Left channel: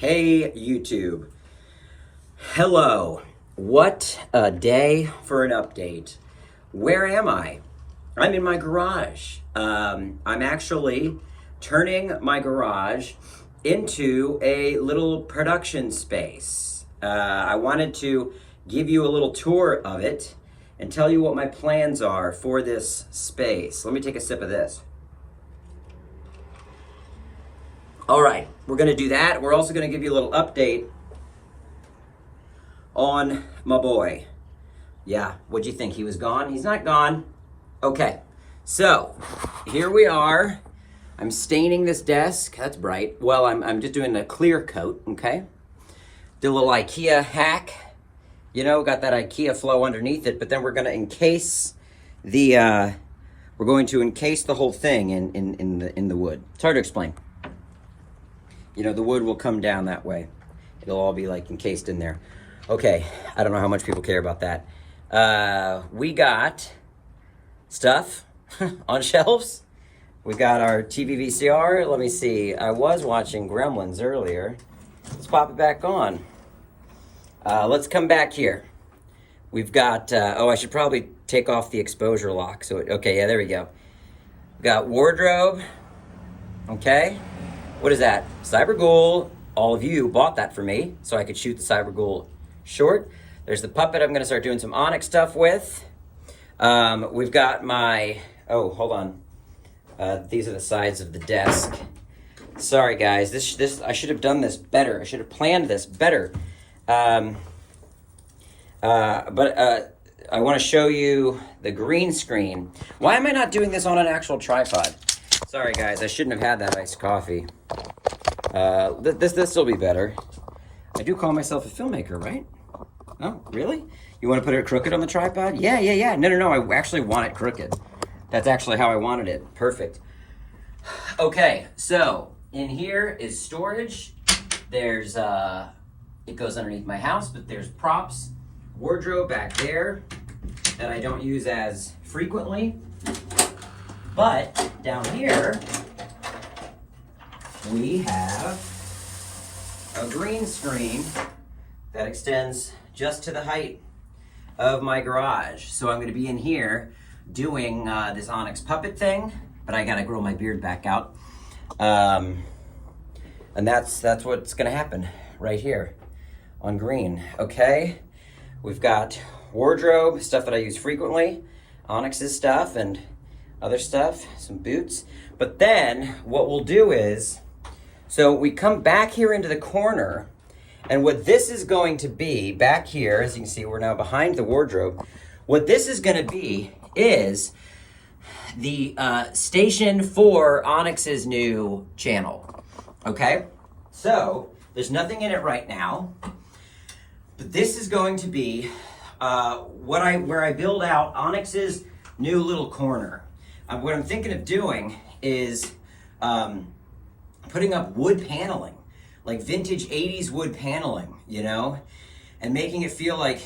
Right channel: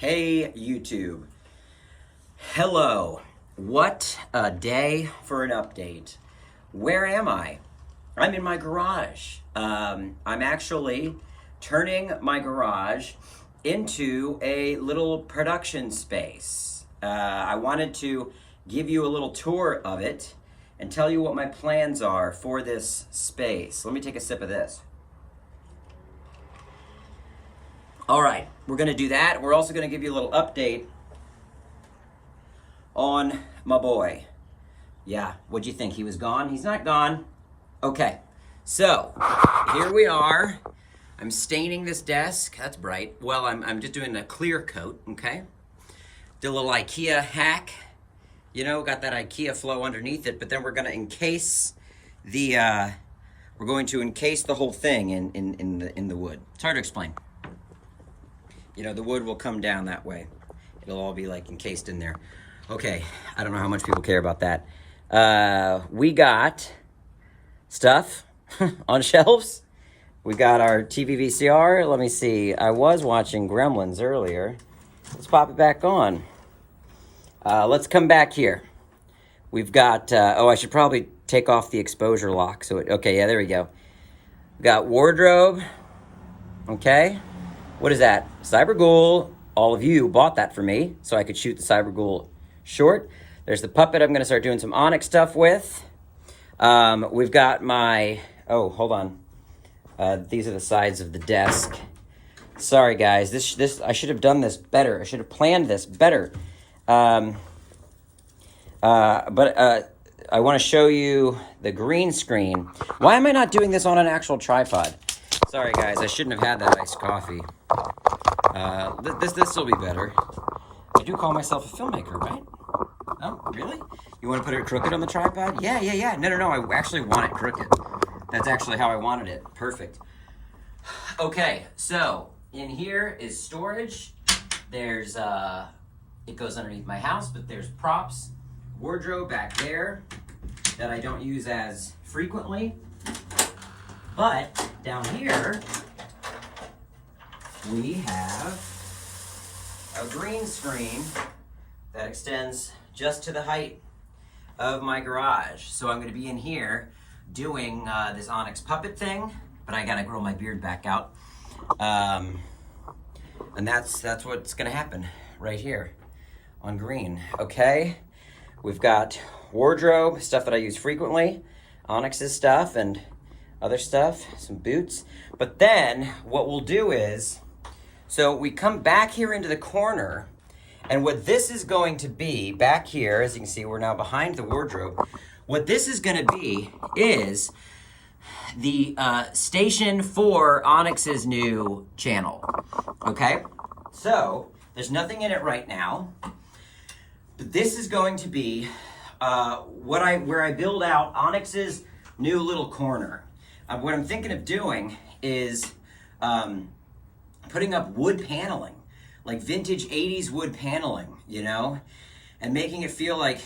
Hey YouTube. Hello. What a day for an update. Where am I? I'm in my garage. I'm actually turning my garage into a little production space. I wanted to give you a little tour of it and tell you what my plans are for this space. Let me take a sip of this. All right, we're gonna do that. We're also gonna give you a little update on my boy. Yeah, what'd you think? He was gone? He's not gone. Okay, so here we are. I'm staining this desk. That's bright. Well, I'm just doing a clear coat, okay? Do a little IKEA hack. You know, got that IKEA flow underneath it, but then we're gonna encase the, we're going to encase the whole thing in the wood. It's hard to explain. You know, the wood will come down that way. It'll all be like encased in there. Okay, I don't know how much people care about that. We got stuff on shelves. We got our TV VCR. Let me see. I was watching Gremlins earlier. Let's pop it back on. Let's come back here. We've got, oh, I should probably take off the exposure lock. Okay, yeah, there we go. We got wardrobe, okay. What is that? Cyberghoul. All of you bought that for me so I could shoot the Cyberghoul short. There's the puppet I'm gonna start doing some Onyx stuff with. We've got my, oh, hold on. These are the sides of the desk. Sorry guys, this I should have done this better. I should have planned this better. But I wanna show you the green screen. Why am I not doing this on an actual tripod? Sorry guys, I shouldn't have had that iced coffee. This will be better. I do call myself a filmmaker, right? Oh, really? You want to put it crooked on the tripod? Yeah. No, I actually want it crooked. That's actually how I wanted it. Perfect. Okay, so in here is storage. There's, it goes underneath my house, but there's props, wardrobe back there that I don't use as frequently. But down here, we have a green screen that extends just to the height of my garage. So I'm gonna be in here doing this Onyx puppet thing, but I gotta grow my beard back out. And that's what's gonna happen right here on green, okay? We've got wardrobe, stuff that I use frequently, Onyx's stuff and other stuff, some boots. But then what we'll do is, so we come back here into the corner, and what this is going to be back here, as you can see, we're now behind the wardrobe. What this is gonna be is the station for Onyx's new channel, okay? So there's nothing in it right now, but this is going to be where I build out Onyx's new little corner. What I'm thinking of doing is putting up wood paneling, like vintage 80s wood paneling, you know, and making it feel like,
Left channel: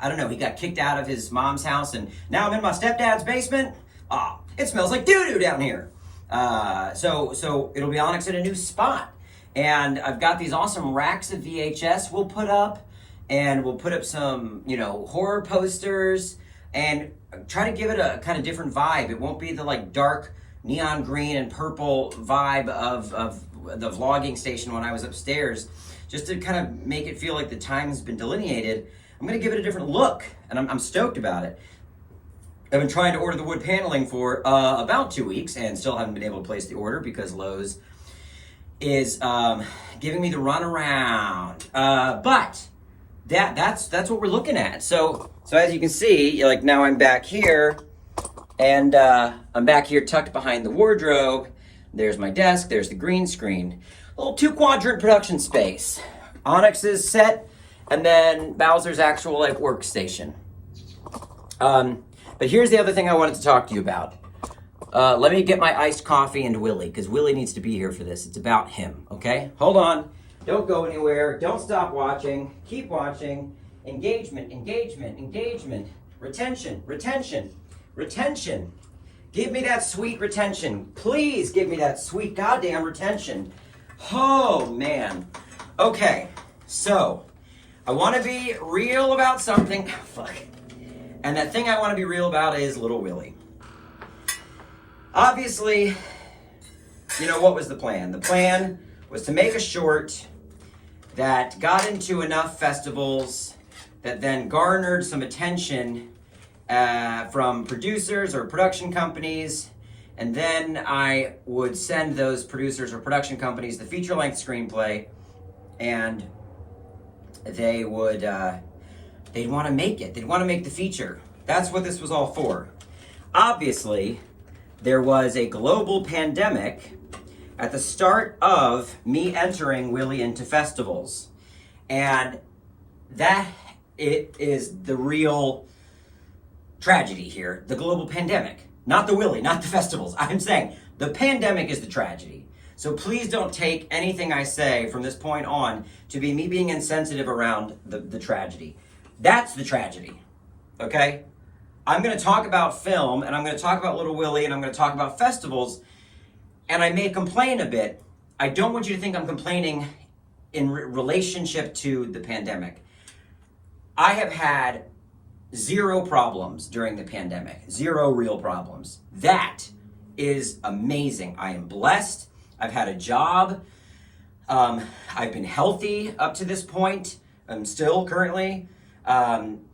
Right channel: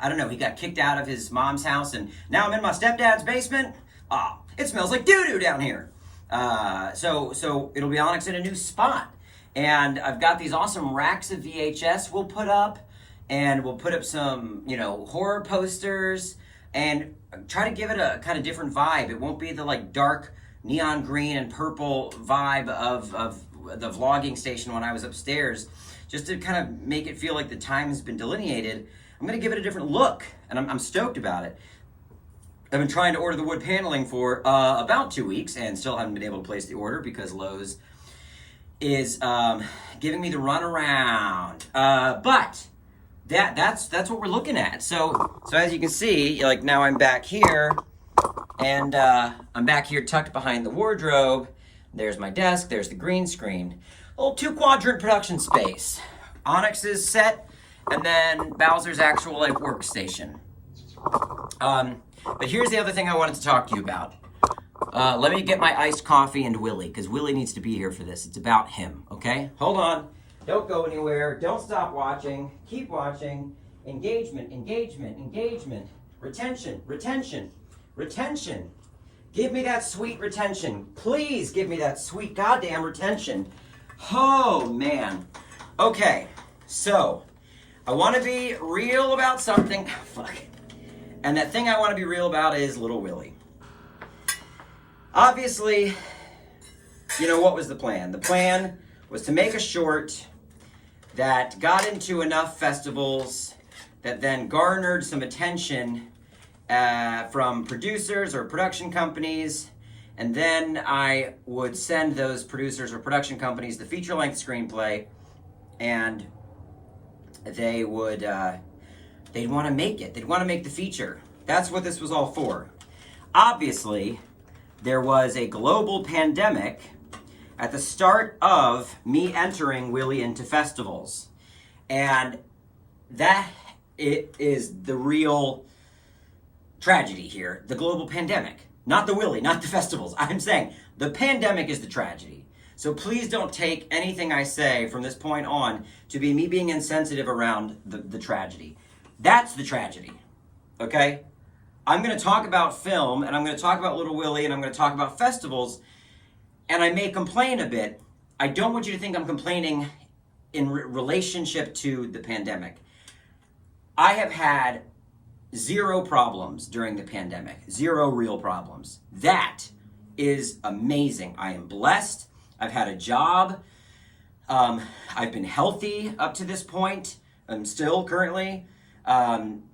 I don't know, he got kicked out of his mom's house and now I'm in my stepdad's basement. Ah, it smells like doo-doo down here. So it'll be Onyx in a new spot. And I've got these awesome racks of VHS we'll put up, and we'll put up some, you know, horror posters, and try to give it a kind of different vibe. It won't be the like dark neon green and purple vibe of the vlogging station when I was upstairs. Just to kind of make it feel like the time has been delineated, I'm gonna give it a different look, and I'm stoked about it. I've been trying to order the wood paneling for about 2 weeks and still haven't been able to place the order because Lowe's is giving me the runaround. But that's what we're looking at. So as you can see, like now I'm back here, and I'm back here tucked behind the wardrobe. There's my desk, there's the green screen. A little 2-quadrant production space. Onyx's set, and then Bowser's actual like workstation. But here's the other thing I wanted to talk to you about. Let me get my iced coffee and Willy, because Willy needs to be here for this. It's about him, okay? Hold on. Don't go anywhere. Don't stop watching. Keep watching. Engagement, engagement, engagement. Retention, retention, retention. Give me that sweet retention. Please give me that sweet goddamn retention. Oh, man. Okay, so I want to be real about something. Fuck. And that thing I want to be real about is Little Willy. Obviously, you know, what was the plan? The plan was to make a short that got into enough festivals that then garnered some attention from producers or production companies, and then I would send those producers or production companies the feature-length screenplay, and they would they'd want to make it. They'd want to make the feature. That's what this was all for. Obviously, there was a global pandemic at the start of me entering Willy into festivals, and that it is the real tragedy here. The global pandemic, not the Willy, not the festivals. I'm saying the pandemic is the tragedy. So please don't take anything I say from this point on to be me being insensitive around the tragedy. That's the tragedy, okay? I'm going to talk about film, and I'm going to talk about Little Willy, and I'm going to talk about festivals, and I may complain a bit. I don't want you to think I'm complaining in relationship to the pandemic. I have had 0 problems during the pandemic. 0 real problems. That is amazing. I am blessed. I've had a job. I've been healthy up to this point. I'm still currently.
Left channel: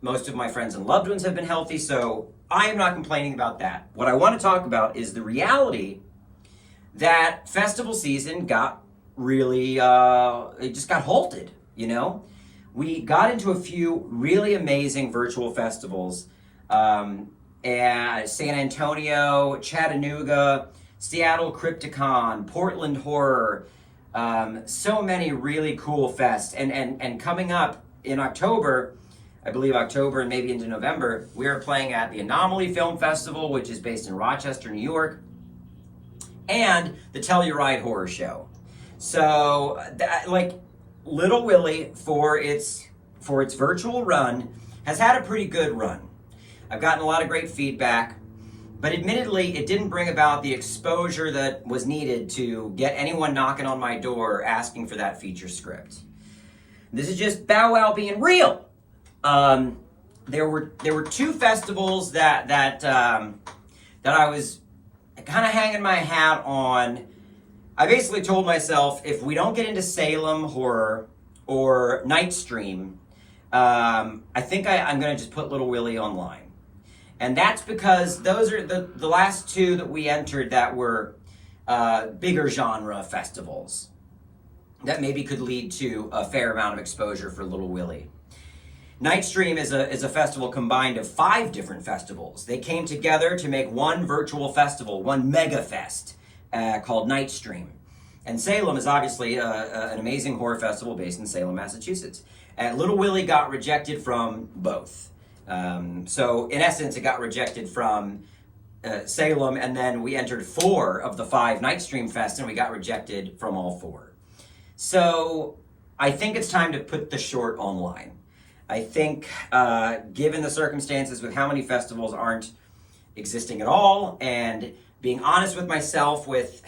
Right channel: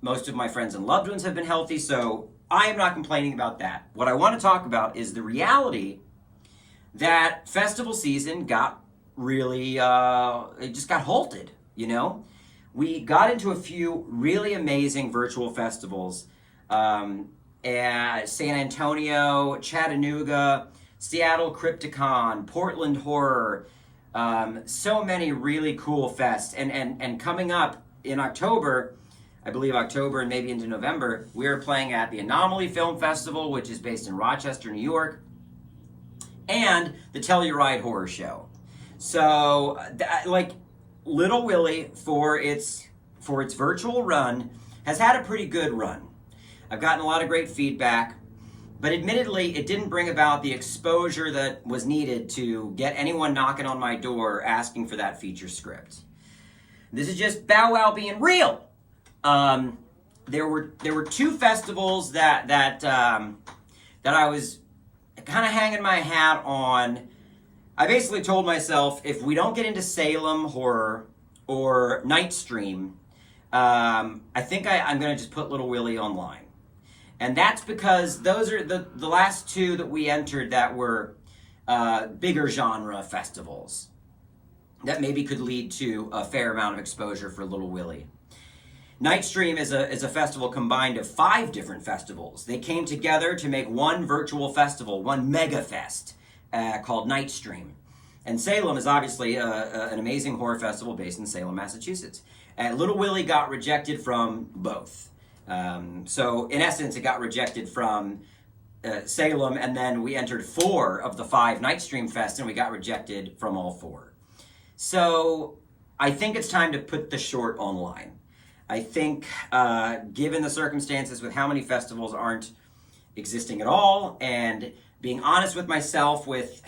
Most of my friends and loved ones have been healthy, so I am not complaining about that. What I want to talk about is the reality that festival season got really, it just got halted, you know? We got into a few really amazing virtual festivals, San Antonio, Chattanooga, Seattle Crypticon, Portland Horror, so many really cool fests. And coming up in October, I believe October and maybe into November, we're playing at the Anomaly Film Festival, which is based in Rochester, New York, and the Telluride Horror Show. So, like, Little Willy, for its virtual run, has had a pretty good run. I've gotten a lot of great feedback, but admittedly, it didn't bring about the exposure that was needed to get anyone knocking on my door asking for that feature script. This is just Bow Wow being real. There were 2 festivals that I was kind of hanging my hat on. I basically told myself, if we don't get into Salem Horror or Nightstream, I think I'm going to just put Little Willy online. And that's because those are the last 2 that we entered that were bigger genre festivals that maybe could lead to a fair amount of exposure for Little Willy. Nightstream is a festival combined of 5 different festivals. They came together to make one virtual festival, one mega fest, called Nightstream. And Salem is obviously an amazing horror festival based in Salem, Massachusetts. And Little Willy got rejected from both. So in essence, it got rejected from Salem, and then we entered 4 of the 5 Nightstream Fest, and we got rejected from all 4. So I think it's time to put the short online. I think, given the circumstances with how many festivals aren't existing at all, and being honest with myself with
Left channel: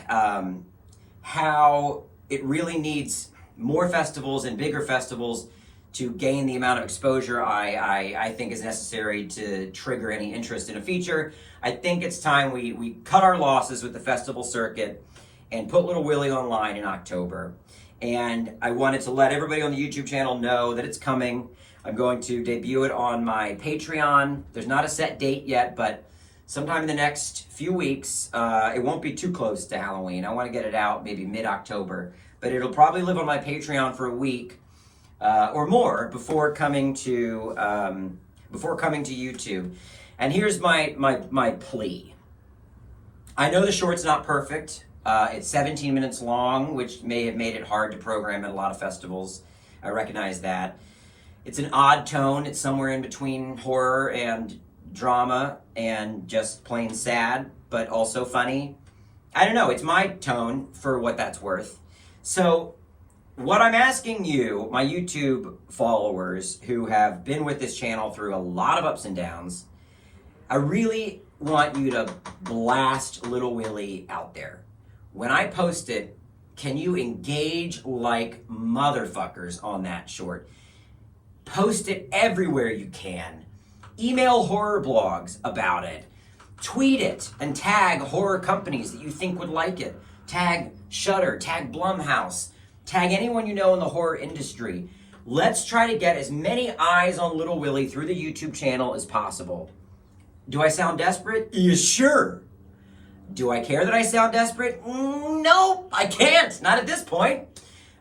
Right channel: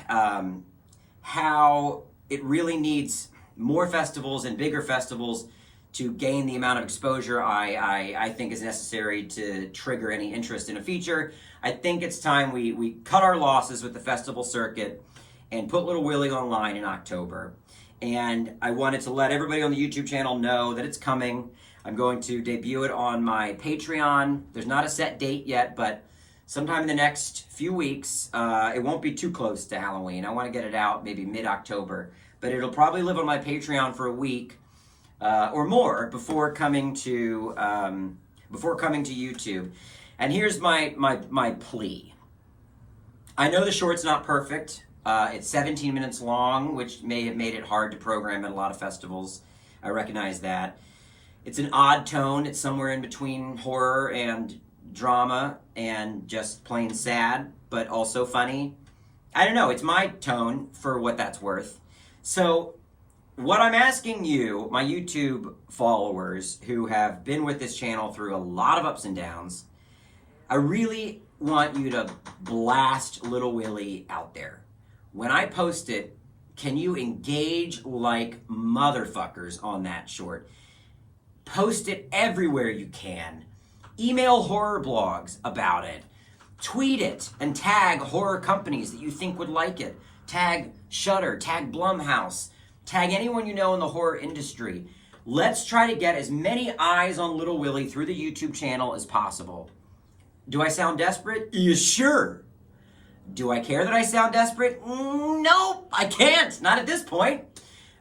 how it really needs more festivals and bigger festivals to gain the amount of exposure I think is necessary to trigger any interest in a feature, I think it's time we cut our losses with the festival circuit and put Little Willy online in October. And I wanted to let everybody on the YouTube channel know that it's coming. I'm going to debut it on my Patreon. There's not a set date yet, but sometime in the next few weeks. It won't be too close to Halloween. I want to get it out maybe mid-October, but it'll probably live on my Patreon for a week or more before coming to YouTube. And here's my plea. I know the short's not perfect. It's 17 minutes long, which may have made it hard to program at a lot of festivals. I recognize that. It's an odd tone. It's somewhere in between horror and drama and just plain sad, but also funny. I don't know. It's my tone for what that's worth. So what I'm asking you, my YouTube followers who have been with this channel through a lot of ups and downs, I really want you to blast Little Willy out there. When I post it, can you engage like motherfuckers on that short? Post it everywhere you can. Email horror blogs about it. Tweet it and tag horror companies that you think would like it. Tag Shudder, tag Blumhouse, tag anyone you know in the horror industry. Let's try to get as many eyes on Little Willy through the YouTube channel as possible. Do I sound desperate? Yeah, sure. Do I care that I sound desperate? Nope, I can't. Not at this point.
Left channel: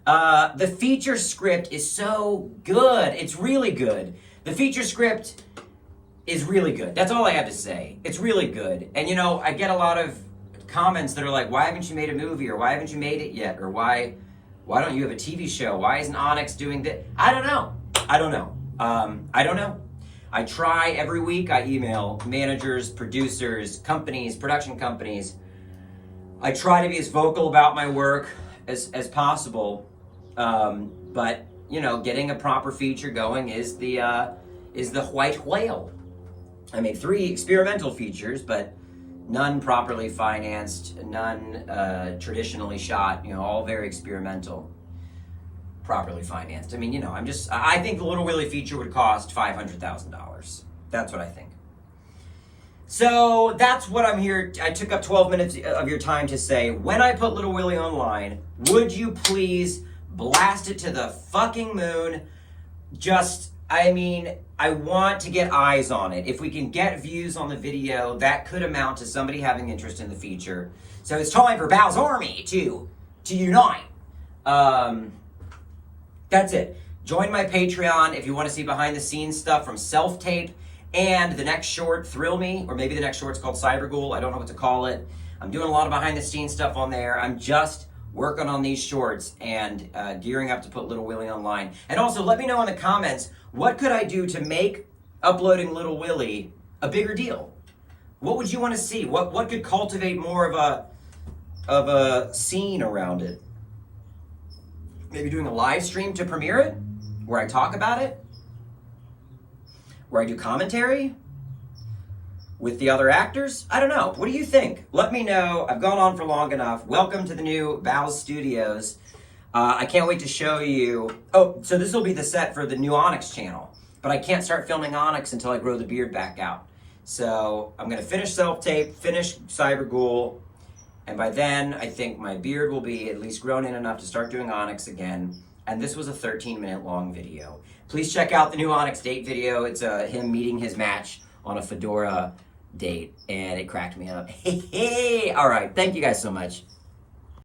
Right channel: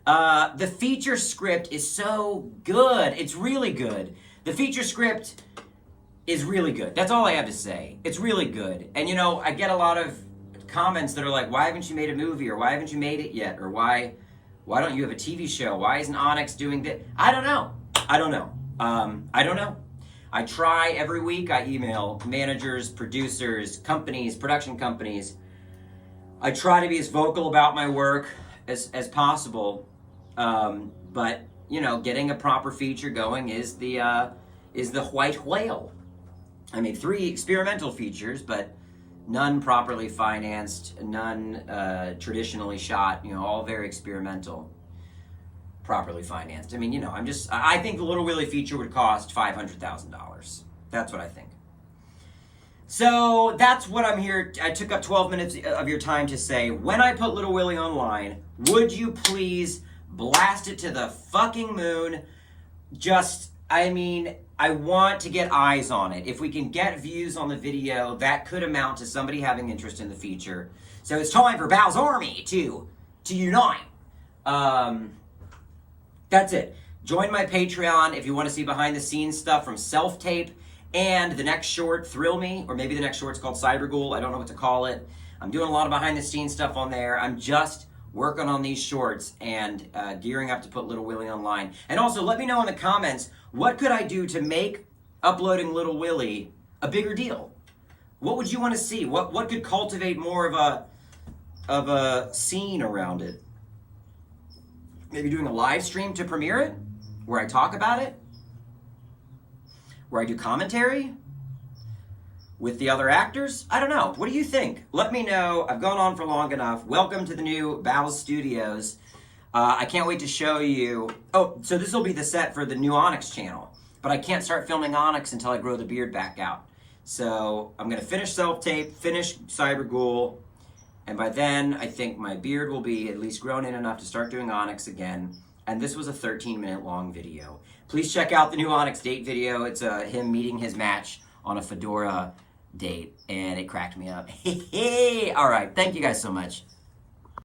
The feature script is so good. It's really good. The feature script is really good. That's all I have to say. It's really good. And you know, I get a lot of comments that are like, why haven't you made a movie? Or why haven't you made it yet? Or why don't you have a TV show? Why isn't Onyx doing that? I don't know. I don't know. I try every week. I email managers, producers, companies, production companies. I try to be as vocal about my work as possible. But you know, getting a proper feature going is the white whale. I made 3 experimental features, but none properly financed, none traditionally shot. You know, all very experimental, properly financed. I mean, you know, I think the Little Willy feature would cost $500,000. That's what I think. So that's what I'm here. I took up 12 minutes of your time to say, when I put Little Willy online, would you please blast it to the fucking moon? I mean, I want to get eyes on it. If we can get views on the video, that could amount to somebody having interest in the feature. So it's time for Bow's Army to unite. That's it. Join my Patreon if you want to see behind the scenes stuff from Self-Tape and the next short, Thrill Me, or maybe the next short's called Cyberghoul. I don't know what to call it. I'm doing a lot of behind the scenes stuff on there. I'm just working on these shorts and gearing up to put Little Willy online. And also, let me know in the comments, what could I do to make uploading Little Willy a bigger deal? What would you want to see? What could cultivate more of a scene around it? Maybe doing a live stream to premiere it, where I talk about it, where I do commentary with the other actors. I don't know. What do you think? Let me know. I've gone on for long enough. Welcome to the new Bow's Studios. I can't wait to show you. Oh, so this will be the set for the new Onyx channel, but I can't start filming Onyx until I grow the beard back out. So I'm going to finish Self-Tape, finish Cyberghoul, and by then I think my beard will be at least grown in enough to start doing Onyx again. And this was a 13-minute long video. Please check out the new Onyx date video. It's him meeting his match on a fedora date, and it cracked me up. Hey, all right. Thank you guys so much.